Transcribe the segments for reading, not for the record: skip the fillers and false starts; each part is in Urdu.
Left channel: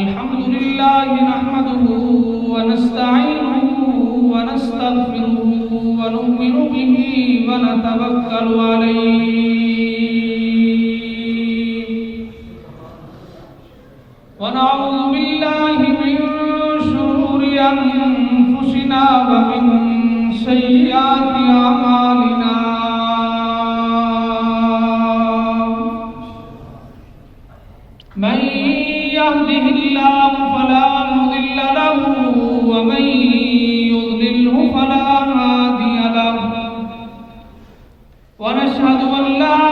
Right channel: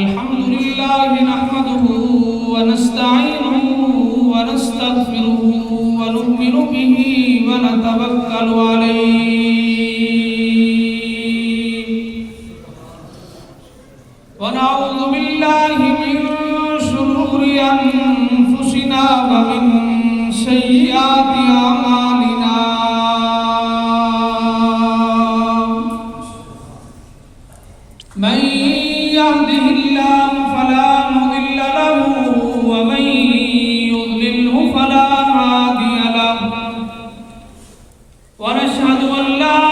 الحمد لله نحمده ونستعينه ونستغفره ونؤمن به ونتوكل عليه ونعوذ بالله من شرور أنفسنا ومن سيئات أعمالنا من يهده الله فلا مضل له ومن يضلله فلا هادي له ونشهد أن لا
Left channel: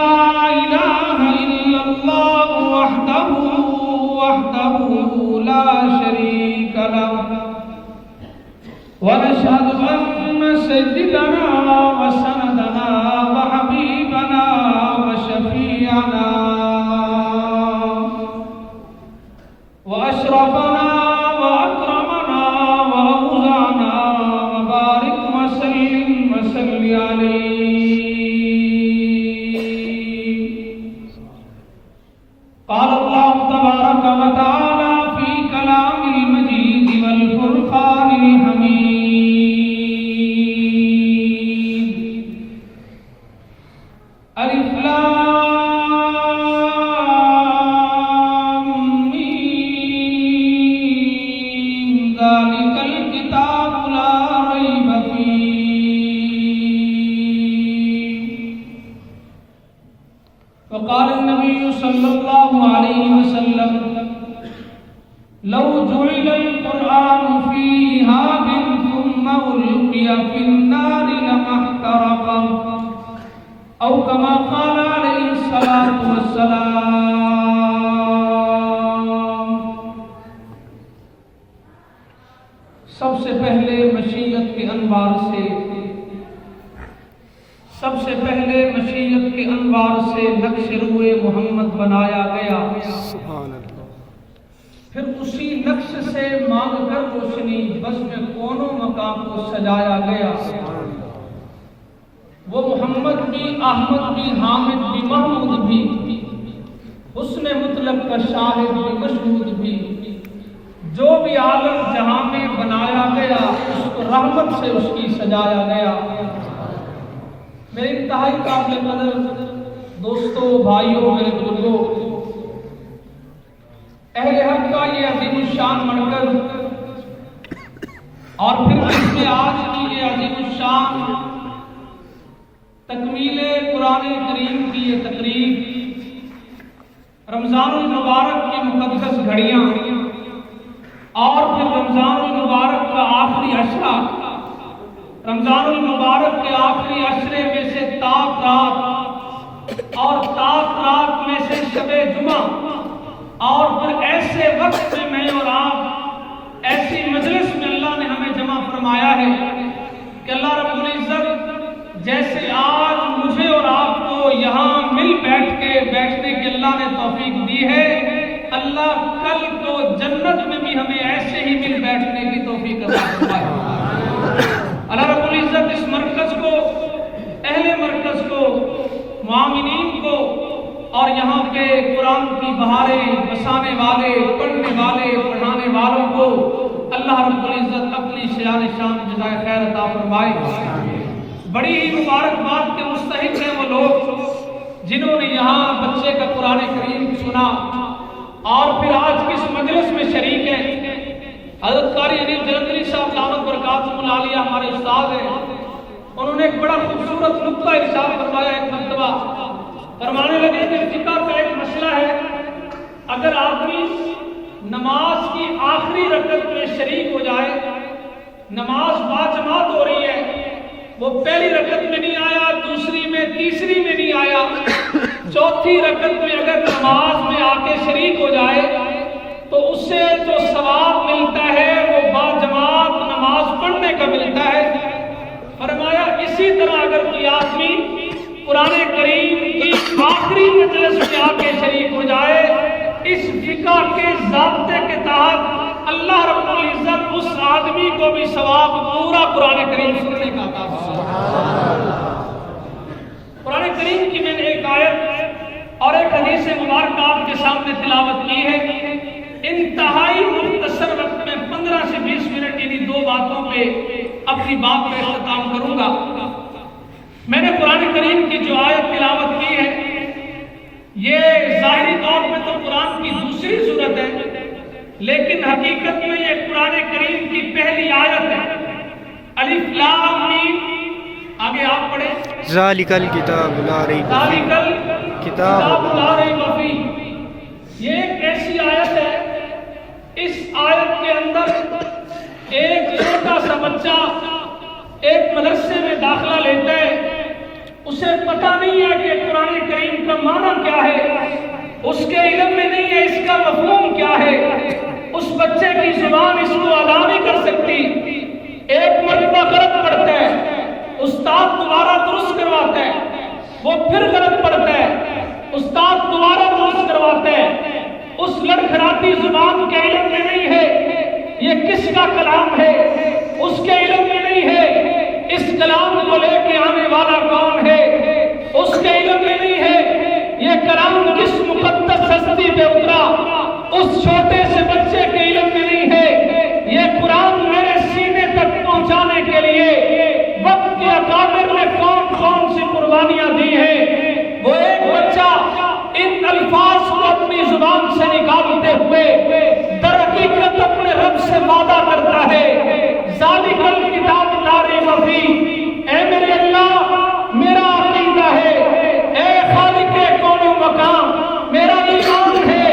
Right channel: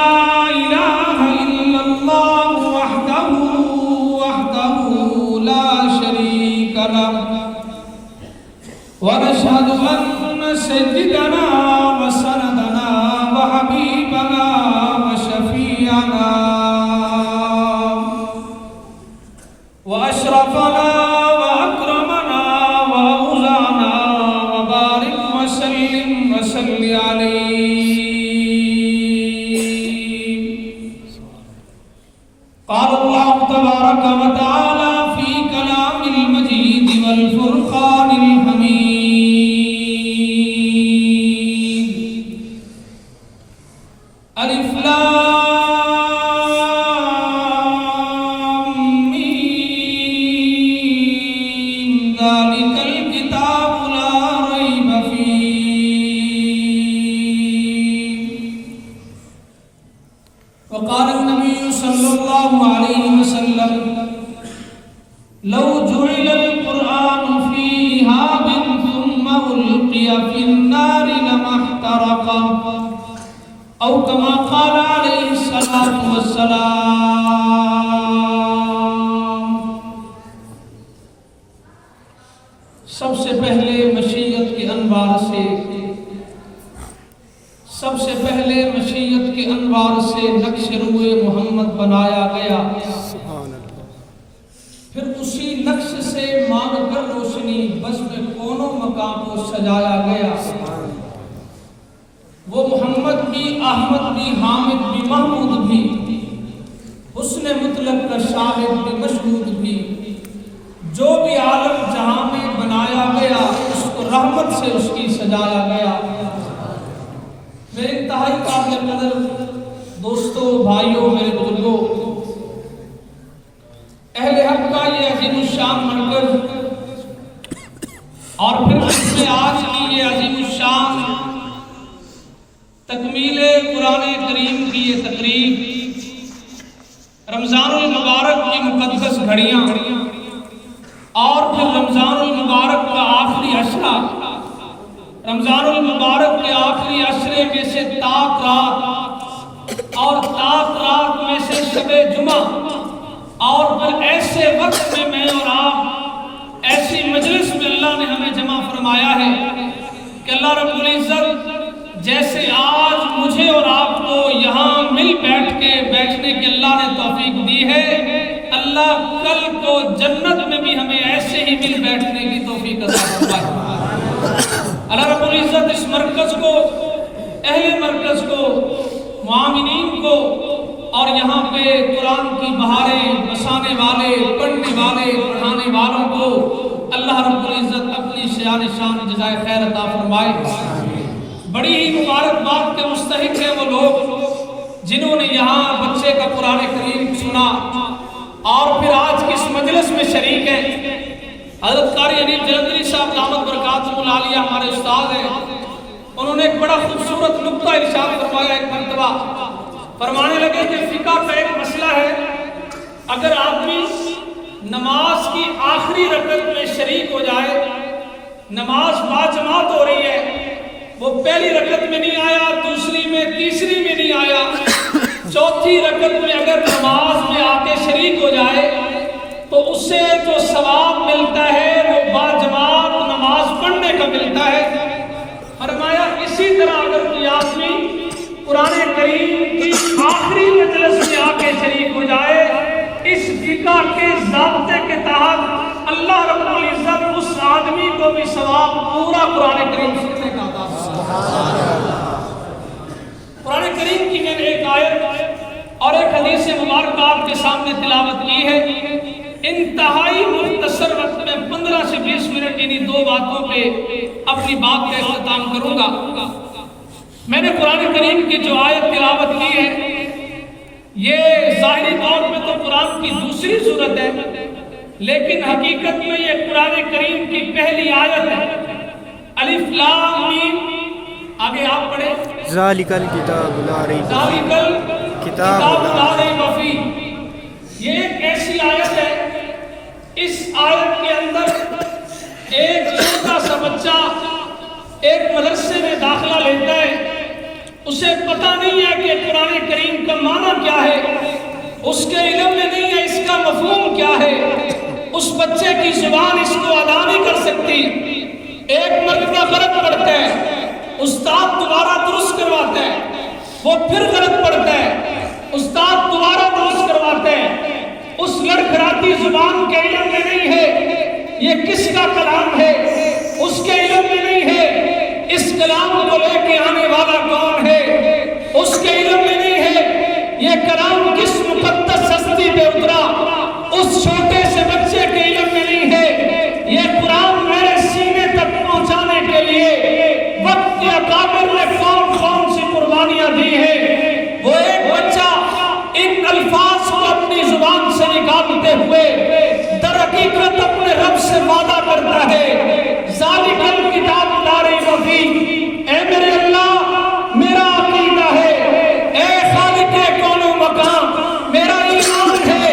إله إلا الله وحده لا شريك له ونشهد أن سيدنا وسندنا وحبيبنا وشفيعنا وأشرفنا وأكرمنا وأوزعنا وبارك وسلم وسل عليه قال الله تبارك وتعالى في كلام المجيد والفرقان الحميد ألف لام ذلك الكتاب لا ريب فيه وقال النبي صلى الله عليه وسلم لو جعل القرآن في إهاب ثم ألقي في النار لما احترق أو كما قال عليه الصلاة والسلام سب سے پہلے مشیت کے انوار سے نقش روئے محمد بنایا گیا سبحان اللہ پھر اسی نقش سے مانگ کر روشنی بزم کونوں مقام کو سجایا گیا وہ محمد بھی احمد بھی حامد بھی محمود بھی حسن مطلق کا شاہد بھی مشہود بھی جو بھی عالم جہاں میں بنایا گیا اس کو رحمت سے اس کی سجایا گیا میرے انتہائی قابل قدر دوستوں بھائیوں میرے بزرگوں اہل حق کا یہ عظیم الشان مرکز اور پھر اس میں آج کی یہ عظیم الشان تکمیل قرآن کریم کی یہ تقریب رمضان المبارک کی مقدس گھڑیاں اور پھر رمضان المبارک کا آخری عشرہ رمضان المبارک کے آخری عشرے میں سے تاک رات اور تاک رات میں سے شب جمعہ اور پھر ایسے وقت میں میں اور آپ ایسی مجلس میں اللہ نے ہمیں جمع فرمایا ہے کہ اللہ رب العزت جیسے آج مجھے اور آپ کو یہاں مل بیٹھنے کی اللہ نے توفیق دی ہے اللہ کل کو جنت میں بھی ہمیں ایسے ہی مل بیٹھنے کی توفیق عطا فرمائے اللہ رب العزت اس مرکز کو اہل مرکز کو معاملین کو اور یہاں پہ قرآن کی بہاریں بسانے والے پڑھنے والے پڑھانے والوں کو اللہ رب العزت اپنی شان جزائے خیر عطا فرمائے بڑی ہی مبارکباد کے مستحق ہیں وہ لوگ جنہوں نے یہاں بچے کا قرآن کریم سنا اور پھر آج کی اس مجلس میں شریک ہیں حضرت قاری انیف جلندری صاحب دامت برکاتہ العالیہ ہمارے استاد ہیں انہوں نے ایک بڑا خوبصورت نقطہ ارشاد فرمایا ایک مرتبہ فرمانے لگے کہ فقہ کا ایک مسئلہ ہے اگر آدمی نماز کی آخری رکعت میں شریک ہو جائے نماز باجماعت ہو رہی ہے وہ پہلی رکعت میں نہیں آیا دوسری میں تیسری میں نہیں آیا چوتھی رکعت میں اگر نماز میں آ کے شریک ہو جائے تو اس سے جو ثواب ملتا ہے وہ باجماعت نماز پڑھنے کا ملتا ہے فرمایا اسی طرح اگر کوئی آدمی قرآن کریم کی آخری مجلس میں آ کے شریک ہو جائے اس فقہ کے ضابطے کے تحت اللہ رب العزت اس آدمی کو بھی ثواب پورا قرآن کریم سننے کا عطا فرمائے قرآن کریم کی میں نے ایک آیت اور ایک حدیث مبارکہ آپ کے سامنے تلاوت کی ہے انتہائی مختصر وقت میں 15 سے 20 منٹ انہی دو باتوں پہ اپنی بات کا اختتام کروں گا۔ میں نے قرآن کریم کی جو آیت تلاوت کی ہے، یہ ظاہری طور پہ تو قرآن کی دوسری صورت ہے، لیکن حقیقت میں یہ قرآن کریم کی پہلی آیت ہے۔ الف لام میم، آگے آپ پڑھیں، ذالک الکتاب لا ریب فیہ، ذالک کتاب لا ریب فیہ۔ یہ ایک ایسی آیت ہے، اس آیت کے اندر ایک چھوٹا سا بچہ ایک مدرسے میں داخلہ لیتا ہے، اسے پتہ نہیں ہے کہ قرآن کریم کا معنی کیا ہے، اس کے علم میں نہیں ہے اس کا مفہوم کیا ہے، اس بچے کی زبان اس کو ادا نہیں کر سکتی۔ ایک مرتبہ غلط پڑھتا ہے، استاد دوبارہ درست کرواتا ہے، وہ پھر غلط پڑھتا ہے، استاد دوبارہ درست کرواتا ہے، اس لڑکھڑاتی زبان کے علم میں نہیں ہے یہ کس کا کلام ہے، اس کے علم میں نہیں ہے اس کلام کو لے کے آنے والا کون ہے، اس کے علم میں نہیں ہے یہ کلام کس مقدس ہستی پہ اترا، اس چھوٹے سے بچے کے علم میں نہیں ہے یہ قرآن میرے سینے تک پہنچانے کے لیے وقت کے اکابر نے کون کون سی قربانیاں دی ہیں۔ وہ ایک بچہ ان الفاظ کو اپنی زبان سے نکالتے ہوئے در حقیقت اپنے رب سے وعدہ کرتا ہے، ذالک الکتاب لا ریب فیہ، اے میرے اللہ میرا عقیدہ ہے، اے خالق کون و مکان میرا ایمان ہے،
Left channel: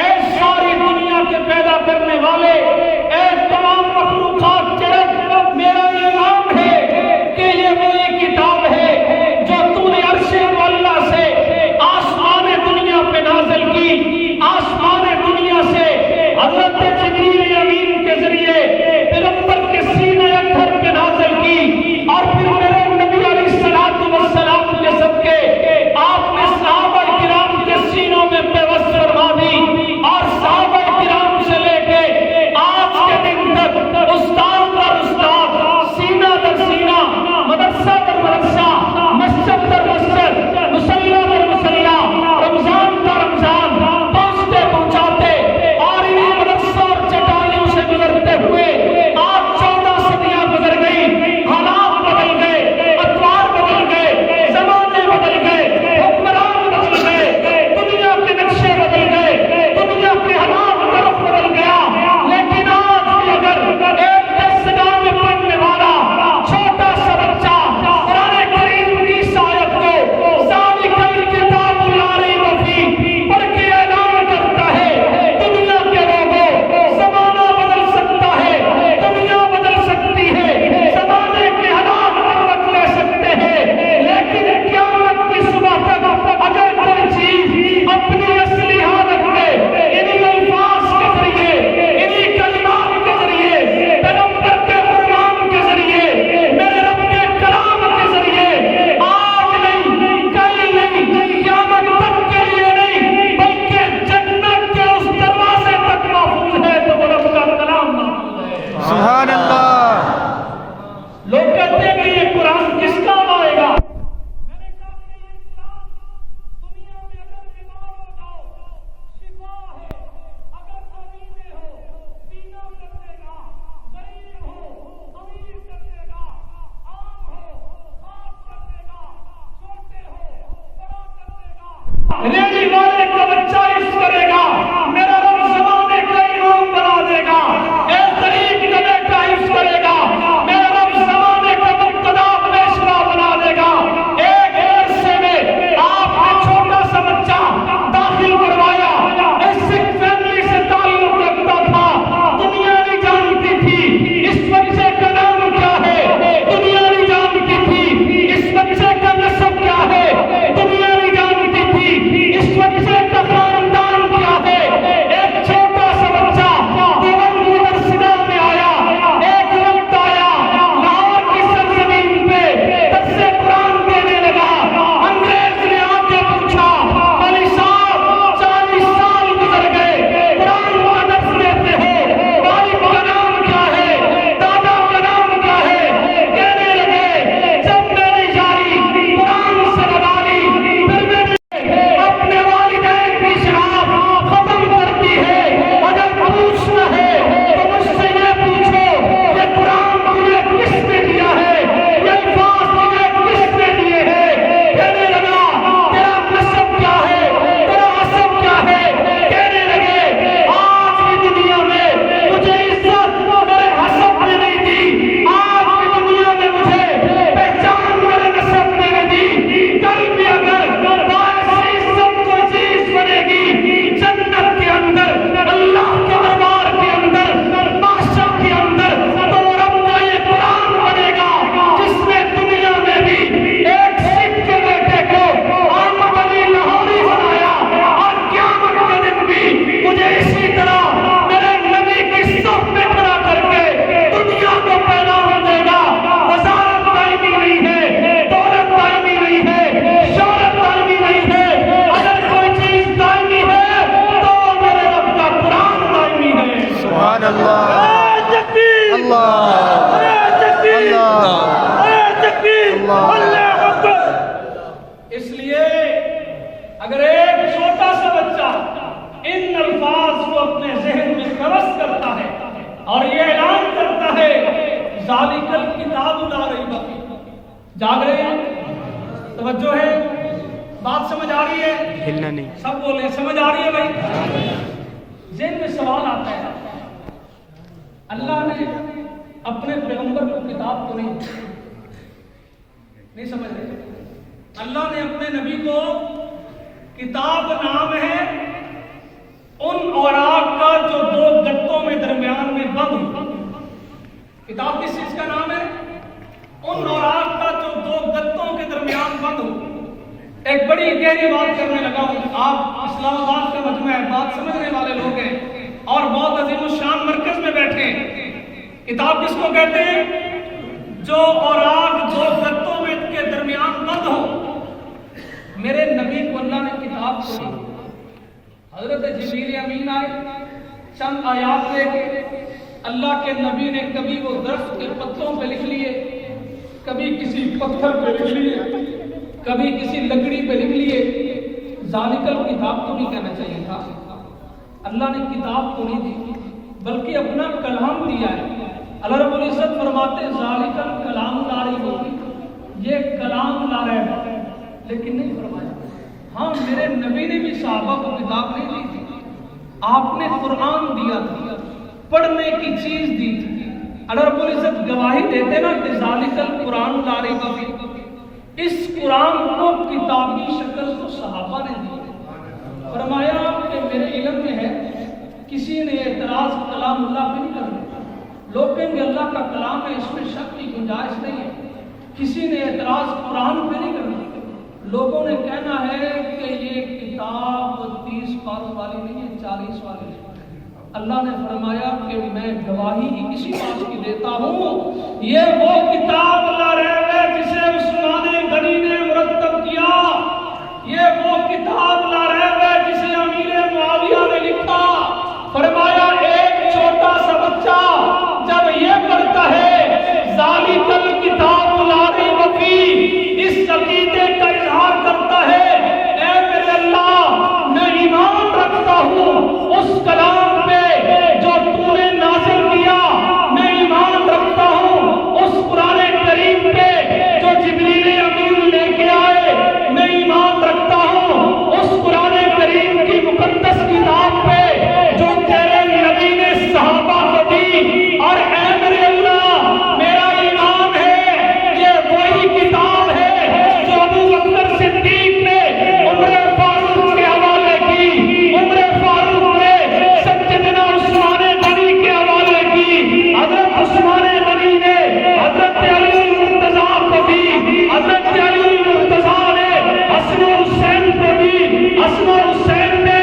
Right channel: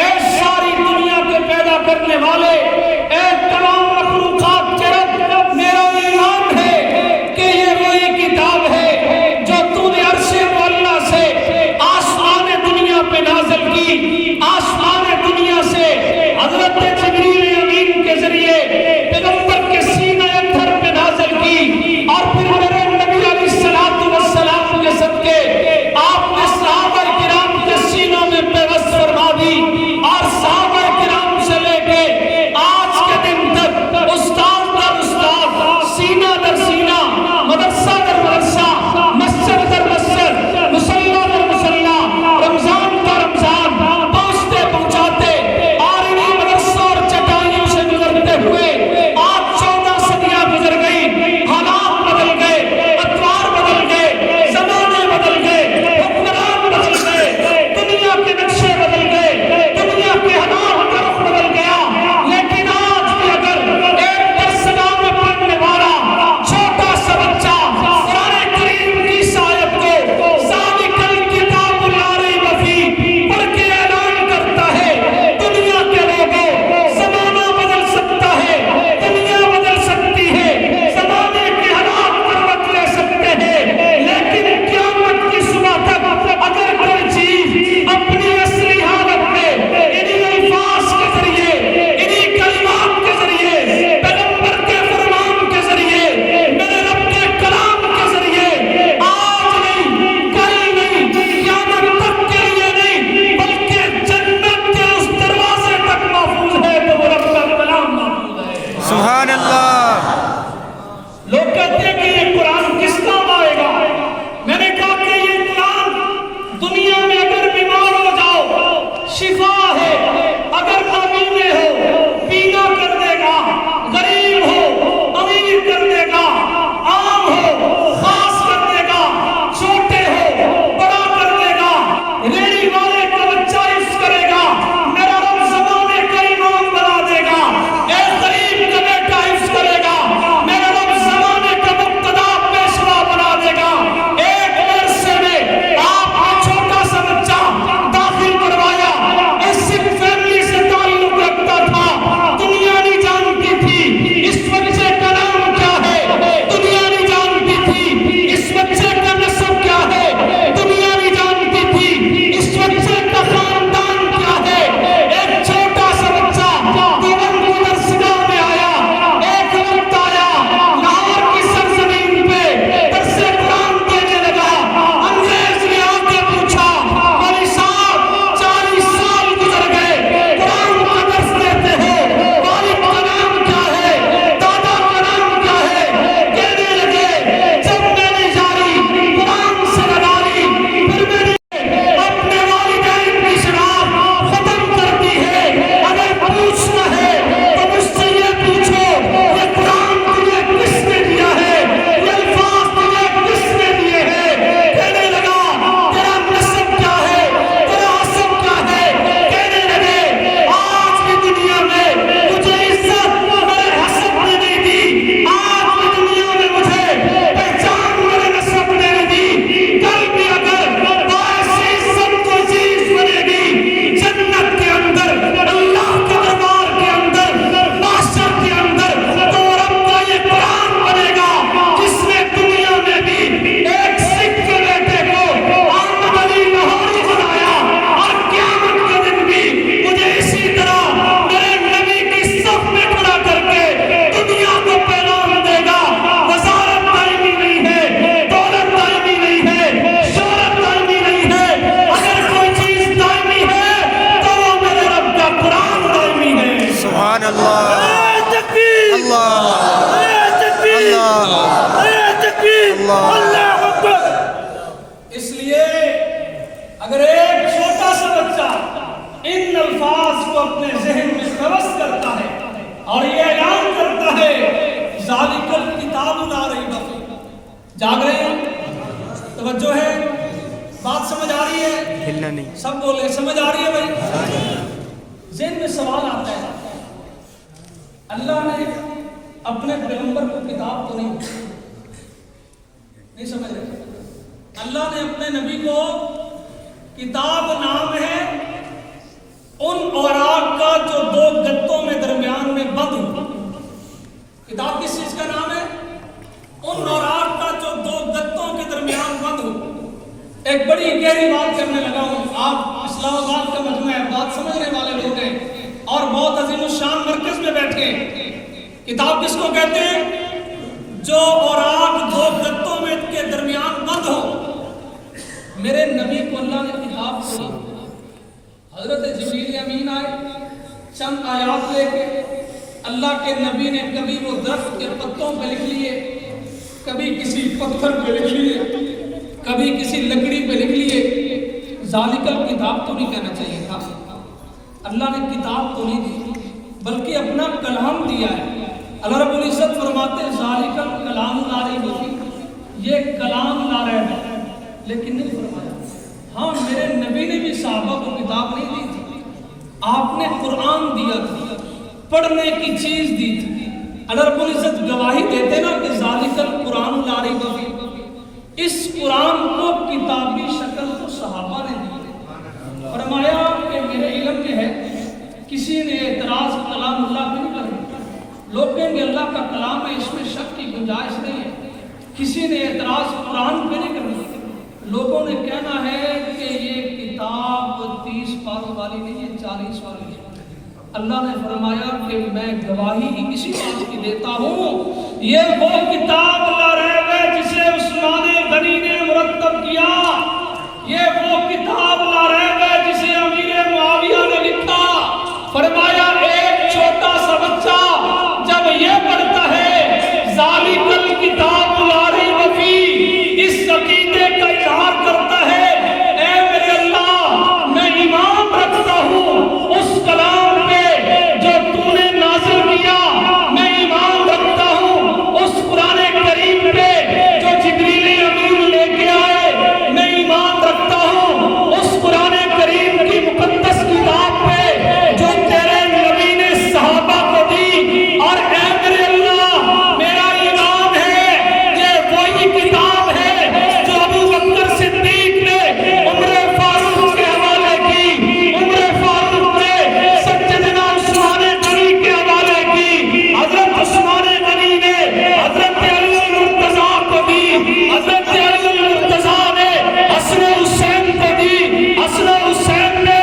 اے ساری دنیا کے پیدا کرنے والے، اے تمام مخلوقات کے رب میرا ایمان ہے کہ یہ وہی کتاب ہے جو تو نے عرش معلیٰ سے آسمان دنیا پہ نازل کی، آسمان دنیا سے حضرت جبریل امین کے ذریعے پیغمبر کے سینہ اطہر پہ نازل کی، اور پھر میرے نبی علیہ السلام کے صدقے آپ نے صحابہ کرام کے سینوں میں پیوست فرما دی، اور صحابہ کرام سے لے کے آج کے دن تک استاد در استاد، سینہ در سینہ، مدرسہ در مدرسہ، مسجد در مسجد، مصلی در مصلی، رمضان در رمضان پہنچتے پہنچاتے، اور انہی مدرسوں اور چٹائیوں سے گزرتے ہوئے آج 14 صدیاں گزر گئی، حالات بدل گئے، اطوار بدل گئے، زمانے بدل گئے، حکمران بدل گئے، دنیا کے نقشے بدل گئے، دنیا کے حالات کا رخ بدل گیا، لیکن آج بھی اگر ایک درسگاہ میں پڑھنے والا چھوٹا سا بچہ قرآن کریم کی اس آیت کو ذالک الکتاب لا ریب فیہ پڑھ کے اعلان کرتا ہے، دنیا کے لوگوں زمانہ بدل سکتا ہے، دنیا بدل سکتی ہے، زمانے کے حالات کروٹ لے سکتے ہیں، لیکن قیامت کی صبح تک اگر کوئی چیز اپنی اصلی حالت میں انہی الفاظ کے ذریعے، انہی کلمات کے ذریعے، پیغمبر کے فرمان کے ذریعے، میرے رب کے کلام کے ذریعے آج نہیں، کل نہیں، قیامت تک کے لیے نہیں، بلکہ جنت کے اس دروازے تک محفوظ ہے، تو وہ رب کا کلام محفوظ ہے۔ سبحان اللہ۔ لوگ کہتے ہیں کہ یہ قرآن کس کام آئے گا؟ میں نے کہا کہ یہ قرآن دنیا میں اگر بیمار ہو جاؤ شفا ہے، اگر نابینے ہو بینا کر دے گا، غریب ہو امیر کر دے گا، عام ہو خاص کر دے گا، چھوٹے ہو بڑا کر دے گا، ریڑھی والے کا بچہ حفظ کرے گا، میرا رب زمانے کا امام بنا دے گا، اے غریب کا بیٹا حفظ کرے سبحان اللہ اللہ اللہ۔ اس لیے اگر ایک چھوٹا سا بچہ ان الفاظ کو اپنے ذہن میں نوس کرتا ہے اور یہ اعلان کرتا ہے ذالک الکتاب لا ریب فیہ، جاگ رہے ہیں؟ توجہ ہے؟ بات سمجھ آ رہی ہے؟ ہلنا نہیں، سب بولے سمجھ آ رہی ہے بھائی؟ ذہن میں سوال آتا ہے، اللہ نے اپنے پیغمبر کو کتاب تو نہیں سمجھ رہے؟ اللہ نے اپنے نبی کو کتاب نام ہے ان اوراق کا جو دو گتوں میں درمیان میں بند ہو۔ کتاب کس چیز کا نام ہے؟ ان اوراق کا جو دو گتوں کے درمیان بند ہو۔ ایک بڑی گہری بات کرنے لگا ہوں، آپ اسلام آباد کا مجمع ہے، بات سمجھنے والے لوگ ہیں اور بہت عظیم الشان مرکز میں بیٹھے ہیں۔ کتاب کس کو کہتے ہیں؟ جو اوراق دو گتوں میں کے درمیان بند ہو۔ میرے نبی کو اللہ نے کتاب دی، حضرت جبریل امین آئے، چند آیات لے کے اللہ کے نبی نے کبھی وہ درخت کے پتوں پہ لکھ لیے، کبھی کسی پتھر پہ لکھ لیے، کبھی کسی لکڑی پہ لکھ لیے۔ ذالک الکتاب تو نہیں کہنا چاہیے تھا، اللہ نے کتاب تو نہیں دی بلکہ اپنا کلام دیا ہے۔ اللہ رب العزت فرماتے ذالک الکلام لا ریب فیہ، یہ کلام لا ریب ہے، لیکن نہیں فرمایا ہاں میرے نبی نے بھی صحابہ کو کتاب نہیں دی تھی، آپ نے قرآن دیا تھا، پڑھنے کی چیز دی تھی۔ اللہ رب العزت گواہی دیتے نا کہ ذالک القرآن لا ریب فیہ، اس قرآن کو کتابی شکل تو صحابہ نے دی۔ فرمایا کہ میرے علم میں ہے کسی نے اعتراض کلام اللہ پہ نہیں کرنا، لوگ کہیں گے اللہ کا کلام ہے اس میں شک کی گنجائش نہیں ہے۔ کسی نے اعتراض قرآن پہ نہیں کرنا، لوگوں نے کہنا ہے کہ یہ کتاب 30 پاروں والی نہیں ہے، 40 والی ہے۔ اللہ نے فرمایا کہ میں گواہی اسی بات کی دیتا ہوں، یہ وہ کتاب لا ریب ہے جسے عثمان غنی نے مرتب کیا، یہ وہ کتاب لا ریب ہے جسے امیر معاویہ نے لکھا۔ فرمایا ایک چھوٹا سا بچہ جب یہ پڑھتا ہے ذالک الکتاب لا ریب فیہ، اس عقیدے کا اظہار کرتا ہے اے میرے اللہ میں ایمان رکھتا ہوں اس کلام پہ جو تو نے نازل کیا، میں ایمان رکھتا ہوں اس قرآن کریم پہ جو جبریل امین لے کے آئے، میں ایمان رکھتا ہوں اس قرآن کریم کی مقدس کتاب پہ جو تیرے نبی نے صحابہ کو دی، اور اے میرے اللہ میرا ایمان ہے یہ وہی کتاب ہے جو ابو بکر صدیق نے عمر فاروق کے حوالے کی، عمر فاروق نے سیدنا عثمان غنی کے حوالے کی، حضرت عثمان غنی نے حضرت علی المرتضیٰ کو دی، حضرت علی المرتضیٰ نے حسن حسین کو دی، حسن حسین نے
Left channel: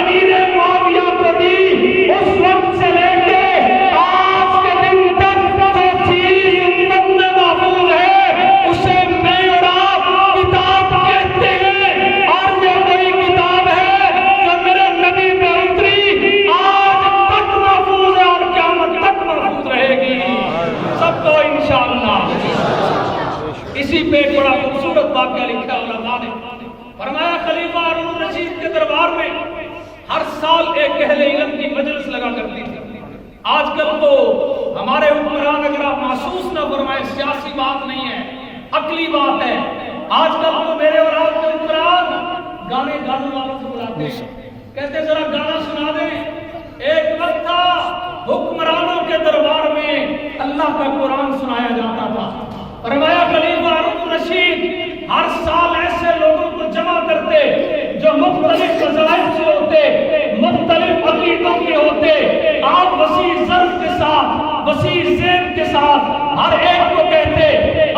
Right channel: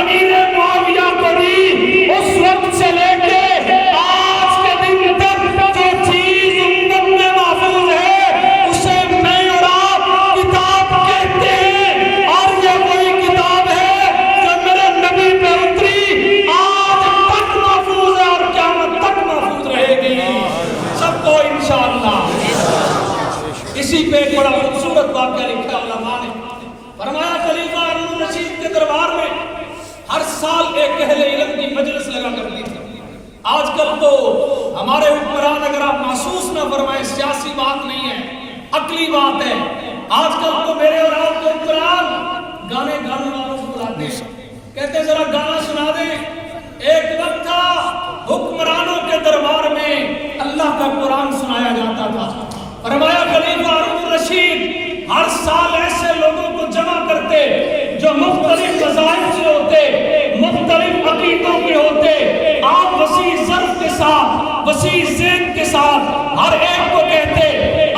امیر معاویہ کو دی۔ اس وقت سے لے کے آج کے دن تک جو چیز امت میں محفوظ ہے اسے میں اور آپ کتاب کہتے ہیں، اور یہ وہی کتاب ہے جو میرے نبی پہ اتری، آج تک محفوظ ہے اور قیامت تک محفوظ رہے گی سب کو انشاءاللہ۔ اسی پہ ایک بڑا خوبصورت واقعہ لکھا علماء نے، فرمایا خلیفہ ہارون رشید کے دربار میں ہر سال ایک اہل علم کی مجلس لگا کرتی تھی۔ آج کل تو ہمارے حکمران اگر آپ محسوس نہ فرمائیں سیاسی بات نہیں ہے، عقلی بات ہے، آج کل تو میرے اور آپ کے حکمران گانے گانے والوں کو بلاتے ہیں، کہتے ہیں ذرا گانا سنا دیں۔ ایک وقت تھا حکمرانوں کے دربار میں اللہ کا قرآن سنایا جاتا تھا۔ فرمایا خلیفہ ہارون رشید ہر سال ایسے لوگوں کو جمع کرتے جو مختلف مذاہب سے ہوتے، مختلف عقیدوں کے ہوتے، آپ وسیع ظرف کے ساتھ، وسیع ذہن کے ساتھ ہر ایک کو کہتے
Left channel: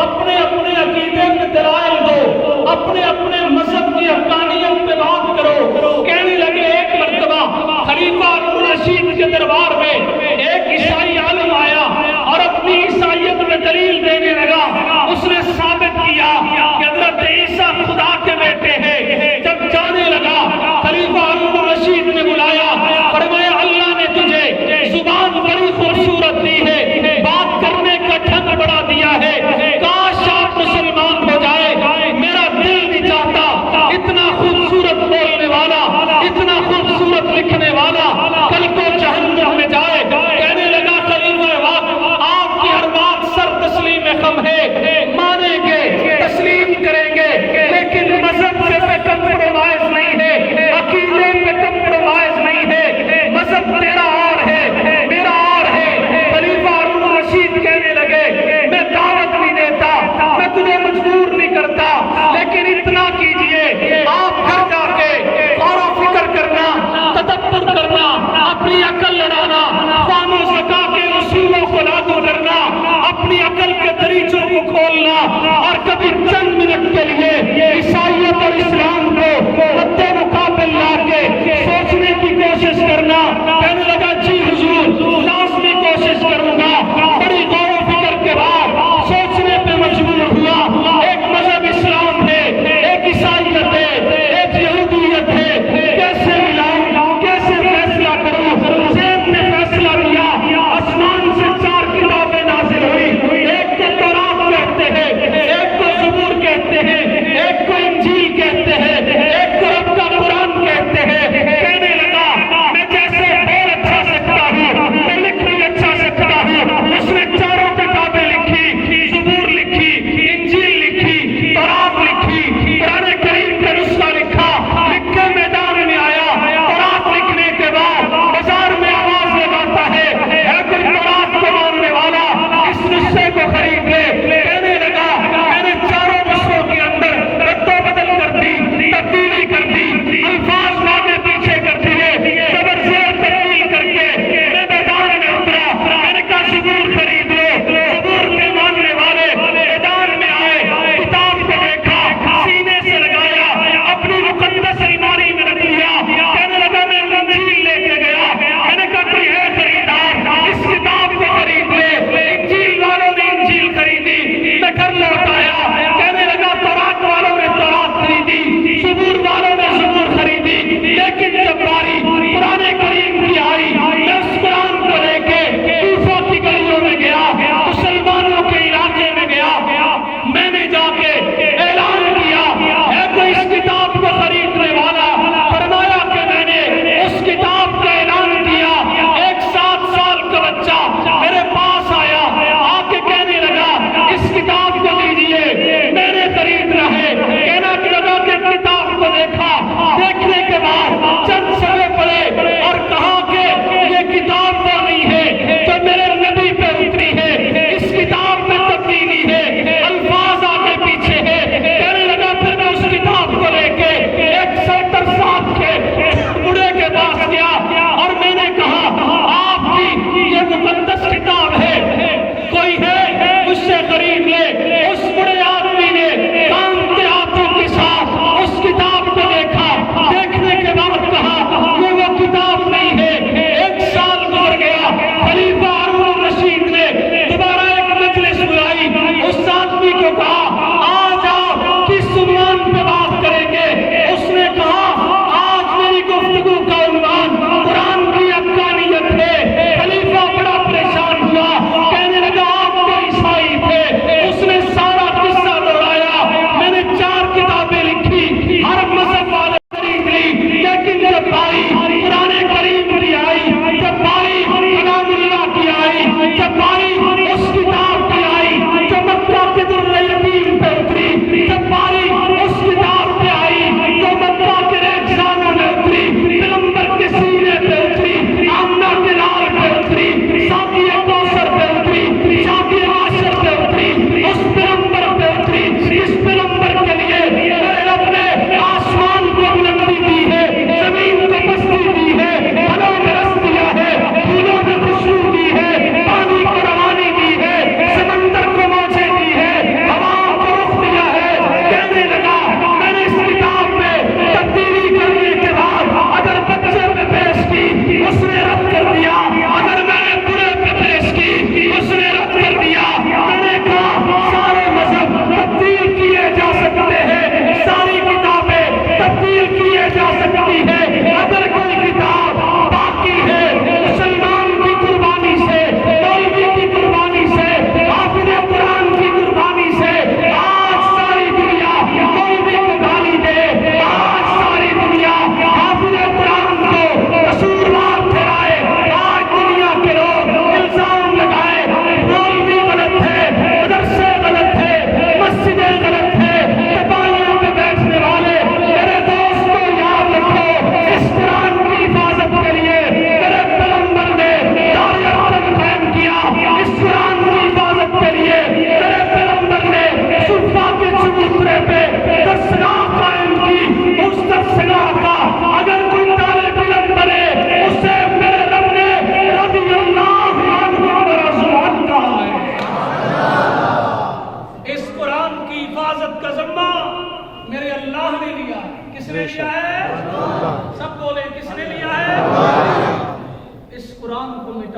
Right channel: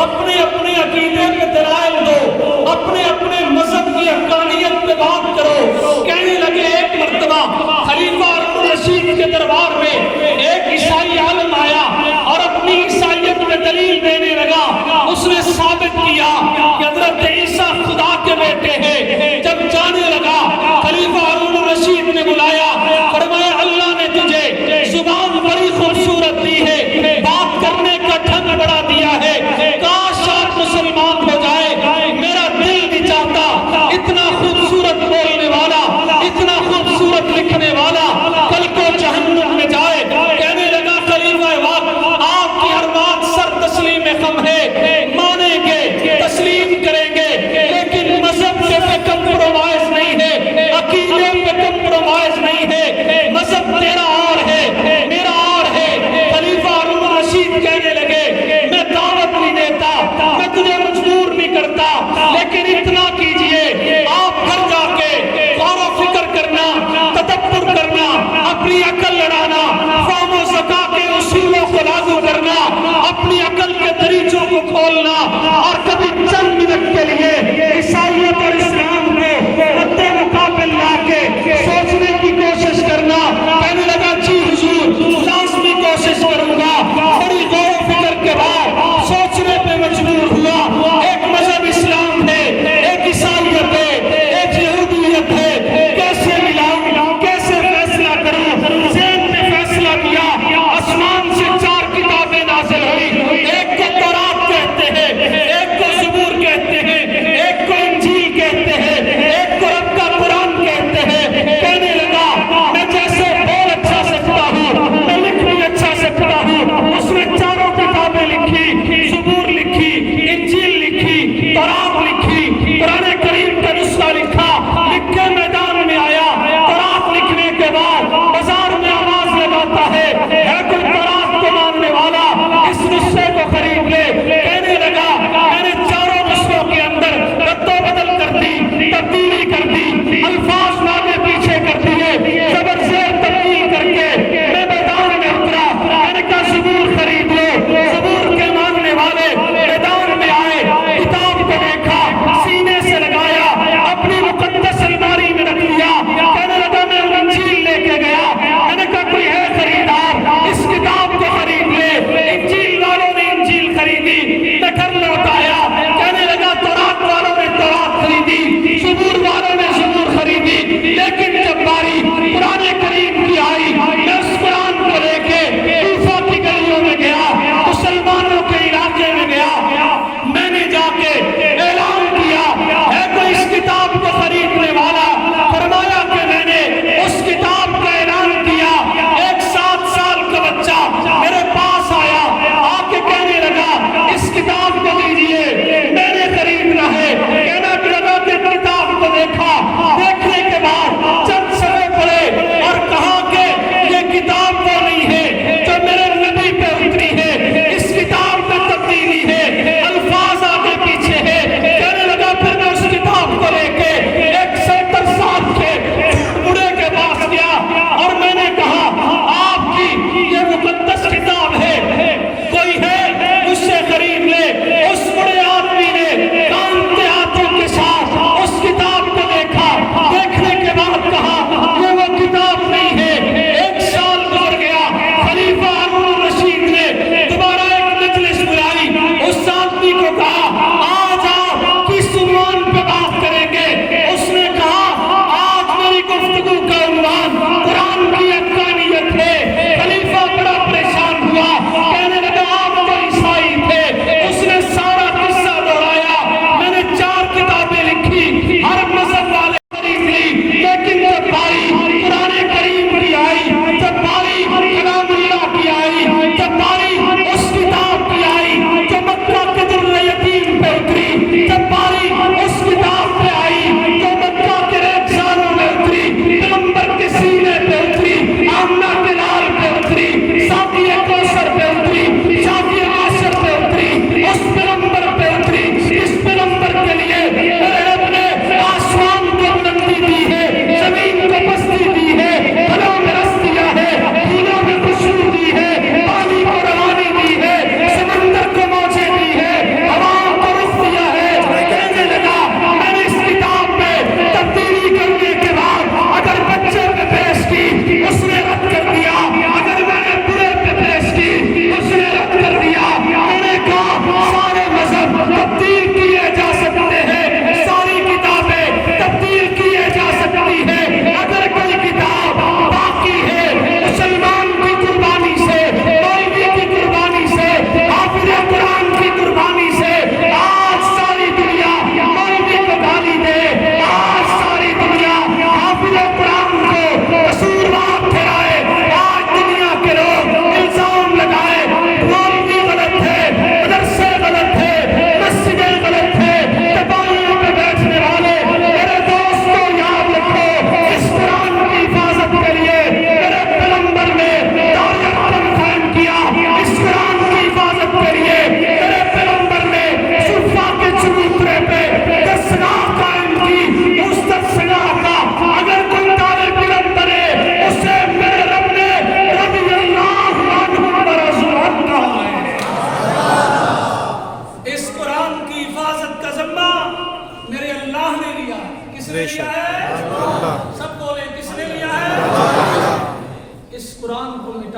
اپنے اپنے عقیدے پہ دلائل دو، اپنے اپنے مذہب کی حقانیت پہ بات کرو۔ کہنے لگے ایک مرتبہ خلیفہ ہارون رشید کے دربار میں ایک عیسائی عالم آیا اور اپنی عیسائیت میں دلیل دینے لگا۔ اس نے ثابت کیا کہ حضرت عیسیٰ خدا کے بیٹے ہیں۔ جب جانے لگا خلیفہ ہارون رشید نے بلایا، فرمایا اللہ نے تجھے زبان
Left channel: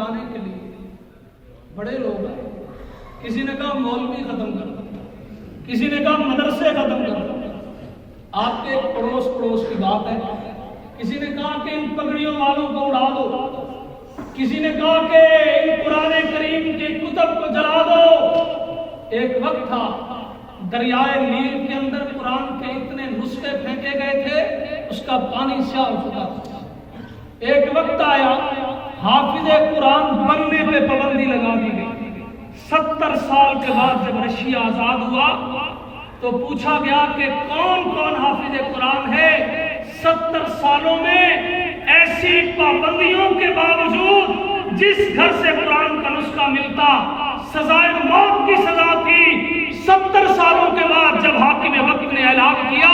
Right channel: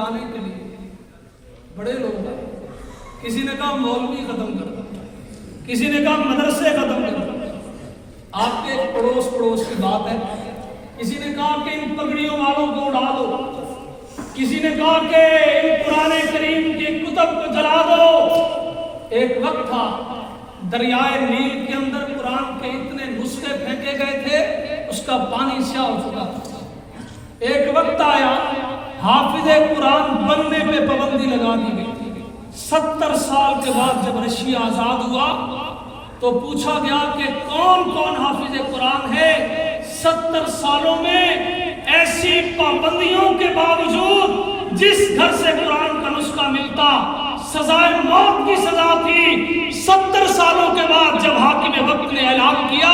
مٹانے کے لیے بڑے لوگ آئے. کسی نے کہا مولوی ختم کر، کسی نے کہا مدرسے ختم کر. آپ کے پڑوس کی بات ہے. کسی نے کہا کہ ان پگڑیوں والوں کو اڑا دو، کسی نے کہا کہ ان قرآن کریم کی کتب کو جلا دو. ایک وقت تھا دریائے نیل کے اندر قرآن کے اتنے نسخے پھینکے گئے تھے اس کا پانی سیاہ ہو چکا تھا. ایک وقت آیا حافظ قرآن بننے پہ پابندی لگا دی گئی. 70 سال کے بعد جب رشیا آزاد ہوا تو پوچھا گیا کہ کون کون حافظ قرآن ہے. 70 سالوں میں ایسی پابندیوں کے باوجود جس گھر سے قرآن کا نسخہ ملتا سزائے موت کی سزا تھی. 70 سالوں کے بعد جب حاکم وقت نے اعلان کیا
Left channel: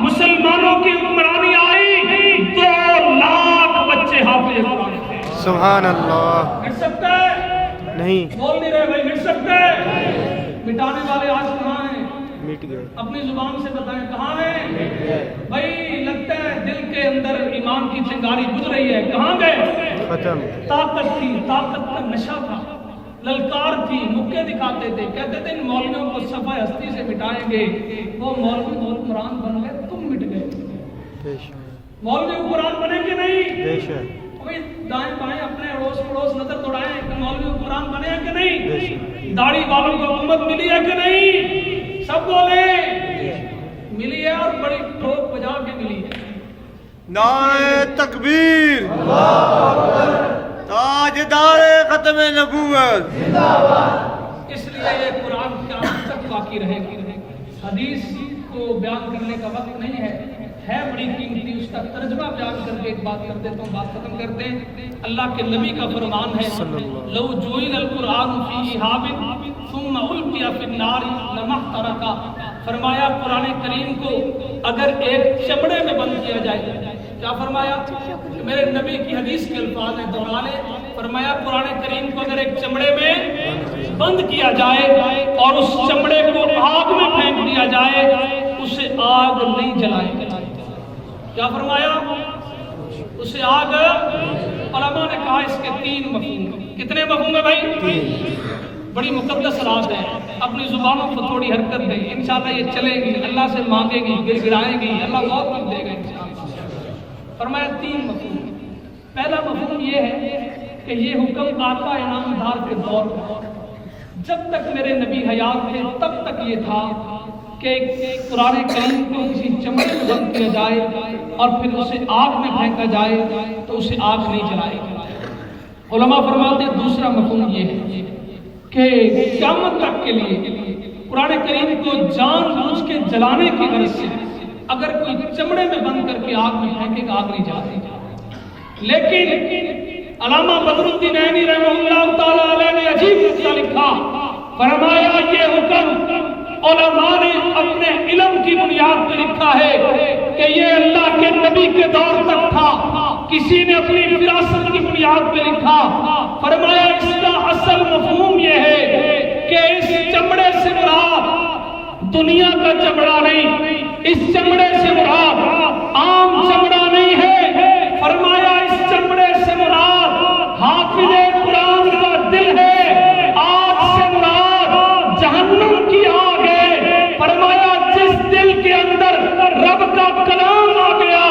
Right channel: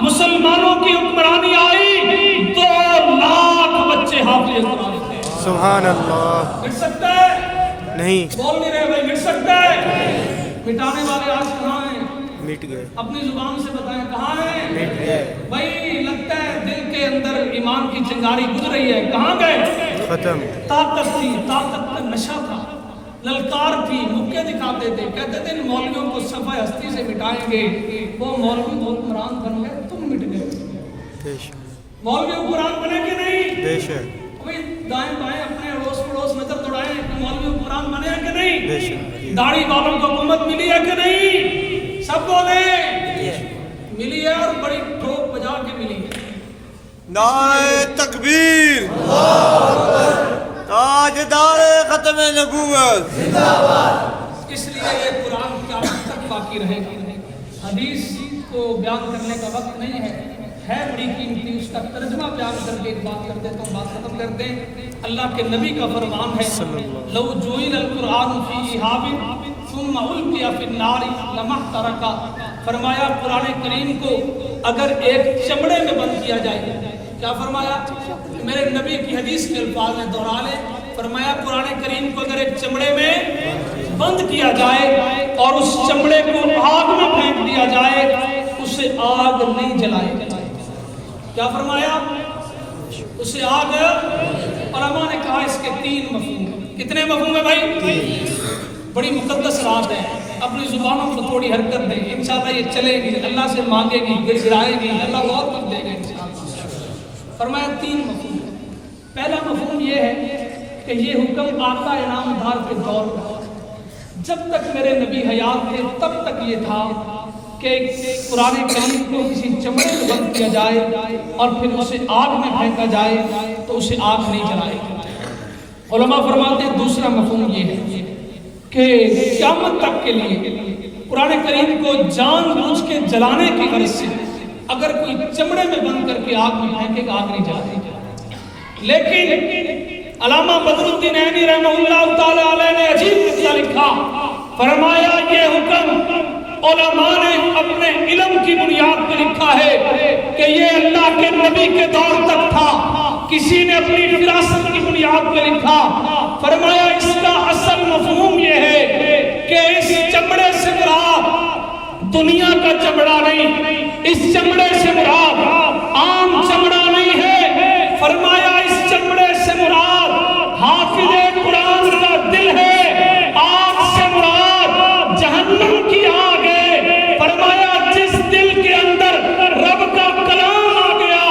مسلمانوں کی حکمرانی آئی، 2 لاکھ بچے حافظ قرآن تھے. سبحان اللہ. مٹ سکتا ہے؟ نہیں. بول نہیں رہے بھائی، مٹ سکتا ہے؟ مٹانے والے آج کہاں ہیں؟ مٹ گئے. اپنی زبان سے بتائیں کہاں ہیں؟ مٹ گئے. بھائی لگتا ہے دل کے اندر ایمان کی چنگاری گزر رہی ہے. کہاں گئے؟ ختم. طاقت تھی، طاقت کا نشہ تھا، للکار تھی، مکے دکھاتے تھے، کہتے تھے ان مولویوں کو صفحہ ہستی سے مٹائیں گے. وہ مولوی حکمران بن گئے، تم مٹ گئے. مولوی حکمران بنے کہ نہیں؟ بے شک. کوئی دائیں بائیں اپنے اڑوس پڑوس نظر دوڑائیں کہ مولوی حکمران بنے ہیں کہ نہیں؟ بے شک. داڑھی والوں کو حکومت ملی ہے کہ نہیں؟ سب بولیں ملی ہے، اور بڑی ٹھوک بجا کے ملی ہے. نعرہ تکبیر. تاجدار ختم نبوت. اس لیے یہ قرآن قیامت تک باقی رہے گا. حدیث کو بیان کرنے کا وقت نہیں ہے بڑی قیمتی. اس کا ترجمہ بیان کر کے ایک بات کر دیتا ہوں، بات ختم کر دیں. اللہ کے نبی کا فرمان ہے لو جوئل القرآن فی اہاب ثم القی فی النار لما احترقا. فرمایا قرآن کریم کو اگر ایک چمڑے میں بند کیا جائے، کیا فرمایا؟ میرے نبی کی حدیث کے الفاظ نے دہرا لے. فرمایا قرآن کریم کو اگر ایک چمڑے میں بند کیا جائے اور اس چمڑے کو آگ میں پھینک دیا جائے اسے آگ نہیں جلائے. کیا فرمایا؟ اسے آگ. علماء نے کہا اس کے 3 مفہوم ہیں. کتنے مفہوم ہیں بھائی؟ بڑی مقدس رات ہے، اپنی زبانوں کو تھوڑی حرکت دیں. انشاءاللہ یہ چلے گی، اللہ سے مانگے گی، گر گرائے گی، اللہ بہت کچھ دے گا انشاءاللہ. فرمایا 3 مفہوم ہے. پہلا مفہوم یہ ہے کہ یہ حکم آقا انعامدار کے دور کا، جب تک میرے نبی حیات تھے تب تک یہ تھا کہ قرآن کریم کو کسی چمڑے میں بند کیا جائے اور پھر اسے آگ میں پھینکا جائے تو اسے آگ نہیں جلائے گی. علماء فرماتے ہیں دوسرا مفہوم یہ ہے کہ قیامت تک کے لیے قرآن کریم کو جان بوجھ کے جلانے کی غرض سے اگر کوئی چمڑے میں بند کر کے آگ میں پھینکے گا آگ نہیں جلائے گا. لیکن علامہ بدر الدین عینی رحمہ اللہ تعالیٰ علیہ نے عجیب قصہ لکھا. فرمایا یہ حکم علماء نے اپنے علم کی بنیاد پر لکھا ہے کہ یہ اللہ کے نبی کے دور تک تھا. کسی نے اپنی فراست کی بنیاد پر لکھا. فرمایا اس کا اصل مفہوم یہ ہے کہ اس چمڑے سے مراد دنیا کا چمڑا نہیں، اس چمڑے سے مراد عام چمڑا نہیں ہے. فرمایا اس چمڑے سے مراد حافظ قرآن کا دل ہے، آگ سے مراد جہنم کی آگ ہے. فرمایا جس دل کے اندر رب کا کلام آ گیا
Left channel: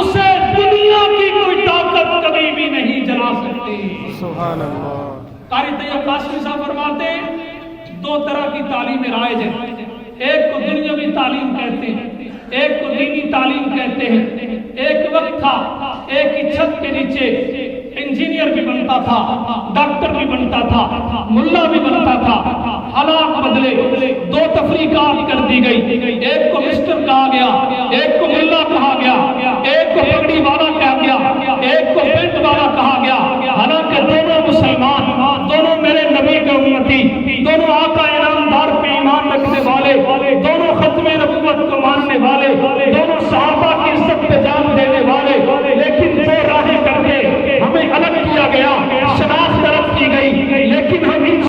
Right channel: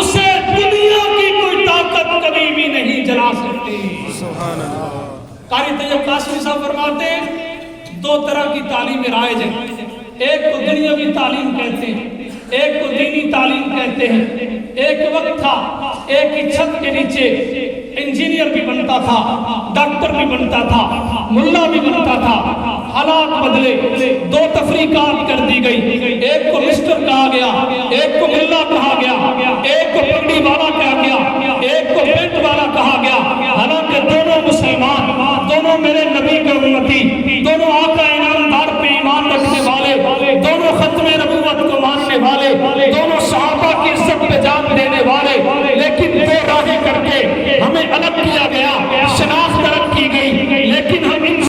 اسے دنیا کی کوئی طاقت کبھی بھی نہیں جلا سکتی. سبحان اللہ. قاری طیب قاسمی صاحب فرماتے ہیں 2 طرح کی تعلیم رائج ہے. ایک کو دنیاوی تعلیم کہتے ہیں، ایک کو دینی تعلیم کہتے ہیں. ایک وقت تھا ایک ہی چھت کے نیچے انجینئر بھی بنتا تھا، ڈاکٹر بھی بنتا تھا، ملا بھی بنتا تھا. حالات بدلے، 2 تفریقات کر دی گئی.